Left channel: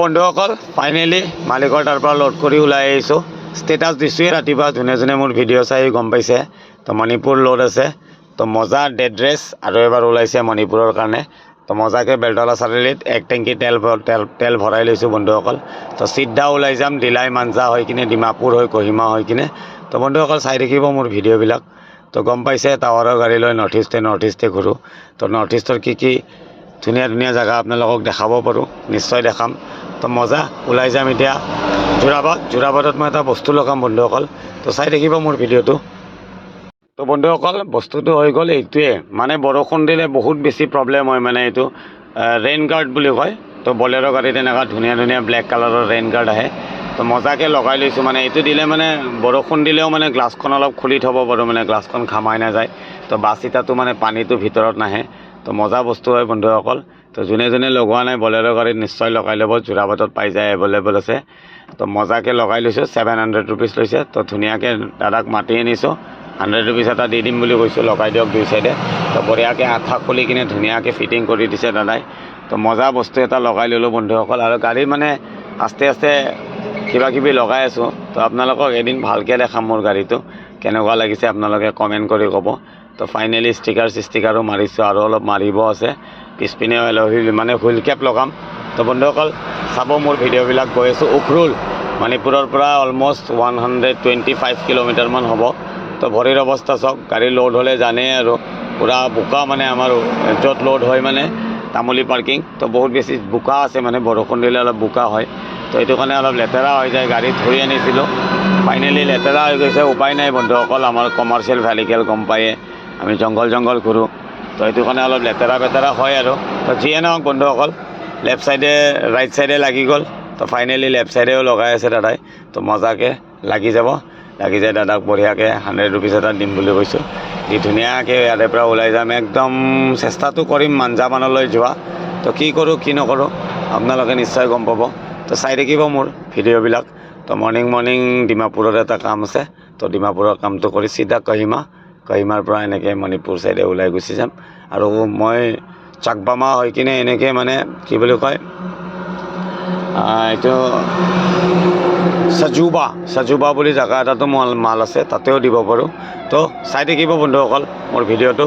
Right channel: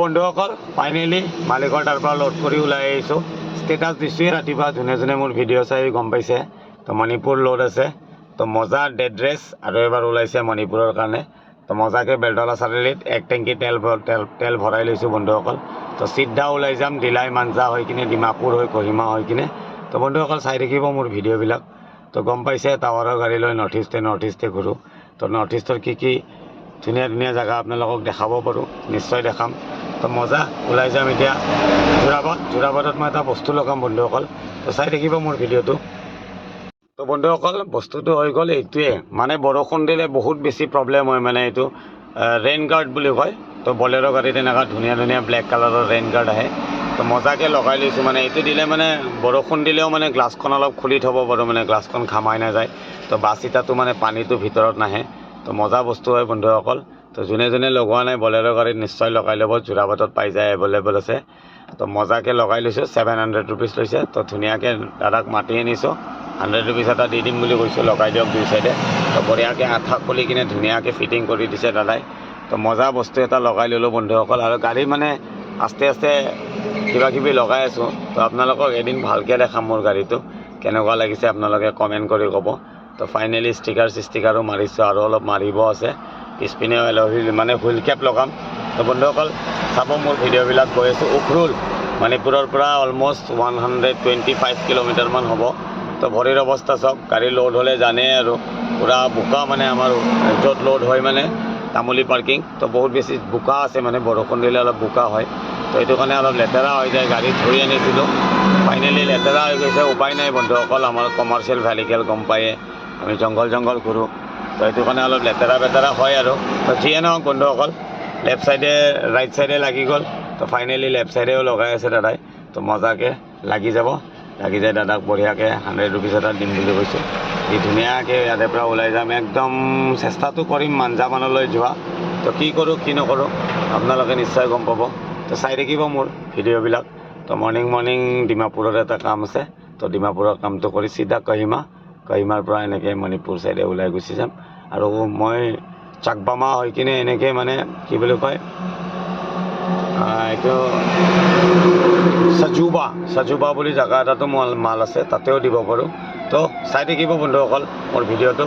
বন্ধুসকল ফাইনেলি মালিকৰ তাৰ পৰা লোড কৰি ওলাই আহিছোঁ। ষ্টেটাছ দিছোঁৱে ৰাতিপুৱা, যোনে যোনে মোৰ ভিডিঅ' চাই গম পাইছে। তো মণিপুৰ লোড আছে, তো মজা ডেড ৰেচ আৰু এবাৰ ওলাইছে মণিপুৰৰ কাৰণে। তো মজাকৈ বেলতলা চাৰিআলিত 1 টেংকি তেল ভৰাই লৈছোঁ বন্ধুসকল। তো চিধা ওলাই যাম ডিলাই মাঞ্জা হৈ কিনে, ডিমাপুৰ হৈ কহিমা হৈ কিনে। তো বন্ধুসকল চাই থাকিব মোৰ ভিডিঅ'বিলাক। তো গম পাইছে টাৱাৰৰ গাড়ী লৈ নৰ্থ ইষ্টে ঘূৰোঁ। তো নৰ্থ ইষ্টৰ কি ধুনীয়া ধুনীয়া জেগা আপোনালোকক দেখাব পাৰোঁ, নিশ্চয় দেখাম। তো মজা ওলাই যাম এতিয়া যোৰাবাটত মই এটা বস্তু লগাম বন্ধুসকল। তো চাই থাকিব মোৰ ভিডিঅ'টো। তো বন্ধুসকল বস্তুটো হৈ গ'ল এইটোৱে, মানে বৰষুণ দিলে বহুত বেছি প্ৰব্লেম হয়, মানে এইটো ৰেইন গাৰ্ড বুলি কয়। তো বলেৰ' গাড়ীত এনেকুৱা ধুনীয়া ধুনীয়া ব্লেক কালাৰৰ ৰেইন গাৰ্ড আহে। তো মজাকৈ লগাই লৈছোঁ, মানে এইটো দিলে মানে বৰষুণ দিলেও মানে গ্লাছখন অলপ খুলি থ'ব পাৰোঁ, মানে গ্লাছখন ঘামাই নাযায়। তো বাছ ইটাটো মানে পানীটো ভিতৰত নাহে। তো মজা বস্তু হয় বন্ধুসকল। তো যোনে যোনে লগোৱা নাই বলেৰ' গাড়ীত নিশ্চয় লগাই ল'ব, যোৰাবাটত পাই যায়, এভেইলেবল আছে। তো মজাকৈ লগাই লৈছোঁ, 700 ৰুপিজ লৈছে। তো ধুনীয়াকৈ দাদাক মাতি আনিছোঁ, 100 ৰুপিজ এটা দি দিম বুলি কৈছোঁ, লগাই দিয়ক দুই চাইডে। তো বঢ়িয়াকৈ আঠা খুলি কিনে ধুনীয়াকৈ ফিটিং কৰি দিছে দাদাই। তো মজা বস্তু এটা লগাই ল'লোঁ বন্ধুসকল। আৰু গাড়ী মানে আস্তে আস্তে কিবা কিবি লগাই আছোঁ। তো আপোনালোকক এদিন ভালকৈ দেখাম মোৰ গাড়ীটো কেনেকুৱা লাগিছে, আপোনালোকে কমেণ্ট কৰি ক'ব। তো ফাইনেলি ষ্টিকাৰো মাৰিছোঁ, আৰু অলপ মাৰিব আছে। পিছপিনে মানে হুইল কেপ লগাম। তো বন্ধুসকল চাব মোৰ ভিডিঅ'বিলাক। গৈ আছোঁ উখৰুল, মণিপুৰৰ পৰা অলমষ্ট 125 কিলোমিটাৰমান হ'ব। তো ভৰিৰ অৱস্থা চাওক, গাড়ী লোড হ'লে জানেই আৰু পূৰা বোকা, মানে আমাৰ য'ত লোড হয় মানে তামুলী পাৰ্কিং। তো বহুত বেছি বোকা আছে, মানে বৰষুণ দিলে অলপ বোকা হয়। তো এইটো কাৰণে অলপ লেতেৰা হৈ যায়। গাড়ী ধুই আনিছিলোঁ, ফাইনেলি লেতেৰা হৈ গৈছে। উপায় নাই বন্ধুসকল, আমাৰ কমাৰ্চিয়েল ভেহিকেল গম পায়ে, আমি জংঘল ঘূৰোঁ। তো এইটো কাৰণে অলপ লেতেৰা হয় আৰু। তো যিয়ে নহওক বন্ধুসকল, লেফ্ট চাইডে ৰাইট চাইডে লাগি গ'ল। তো ফাইনেলি লেফ্ট চাইডেও লগাই আছে দাদাই। তো মজাকৈ লাগি যায় দাদাক বঢ়িয়াকৈ 100 ৰুপিজ এটা দিম বুলি কৈছোঁ। দি ধুনীয়াকৈ ইয়াৰে পৰা ওলাই যাম। একদম চেষ্টাটো কৰিম মাঞ্জামানলৈ যোৱা। তো কি কৰোঁ কি নকৰোঁ আপোনালোকে নিশ্চয় গম পাব। তো চাই থাকিব মোৰ ভিডিঅ'বিলাক। তো মৰ্ণিং ডিমাপুৰৰ এটা কাম আছে। তো ডিমাপুৰৰ কামটো কৰি চিধা কহিমাৰ পৰা এনেকৈ মণিপুৰ চাইডে ওলাই গুচি যাম। আৰু মই চাকবামা হৈ কিনে এনেকৈ মানে কি বুলি কয়, এইটো সাজুবা বুলি জেগা এটাতো মাল আছে, তাতেও দিব পাৰোঁ। তো চাই থাকিব বন্ধুসকল মোৰ ভিডিঅ'টো।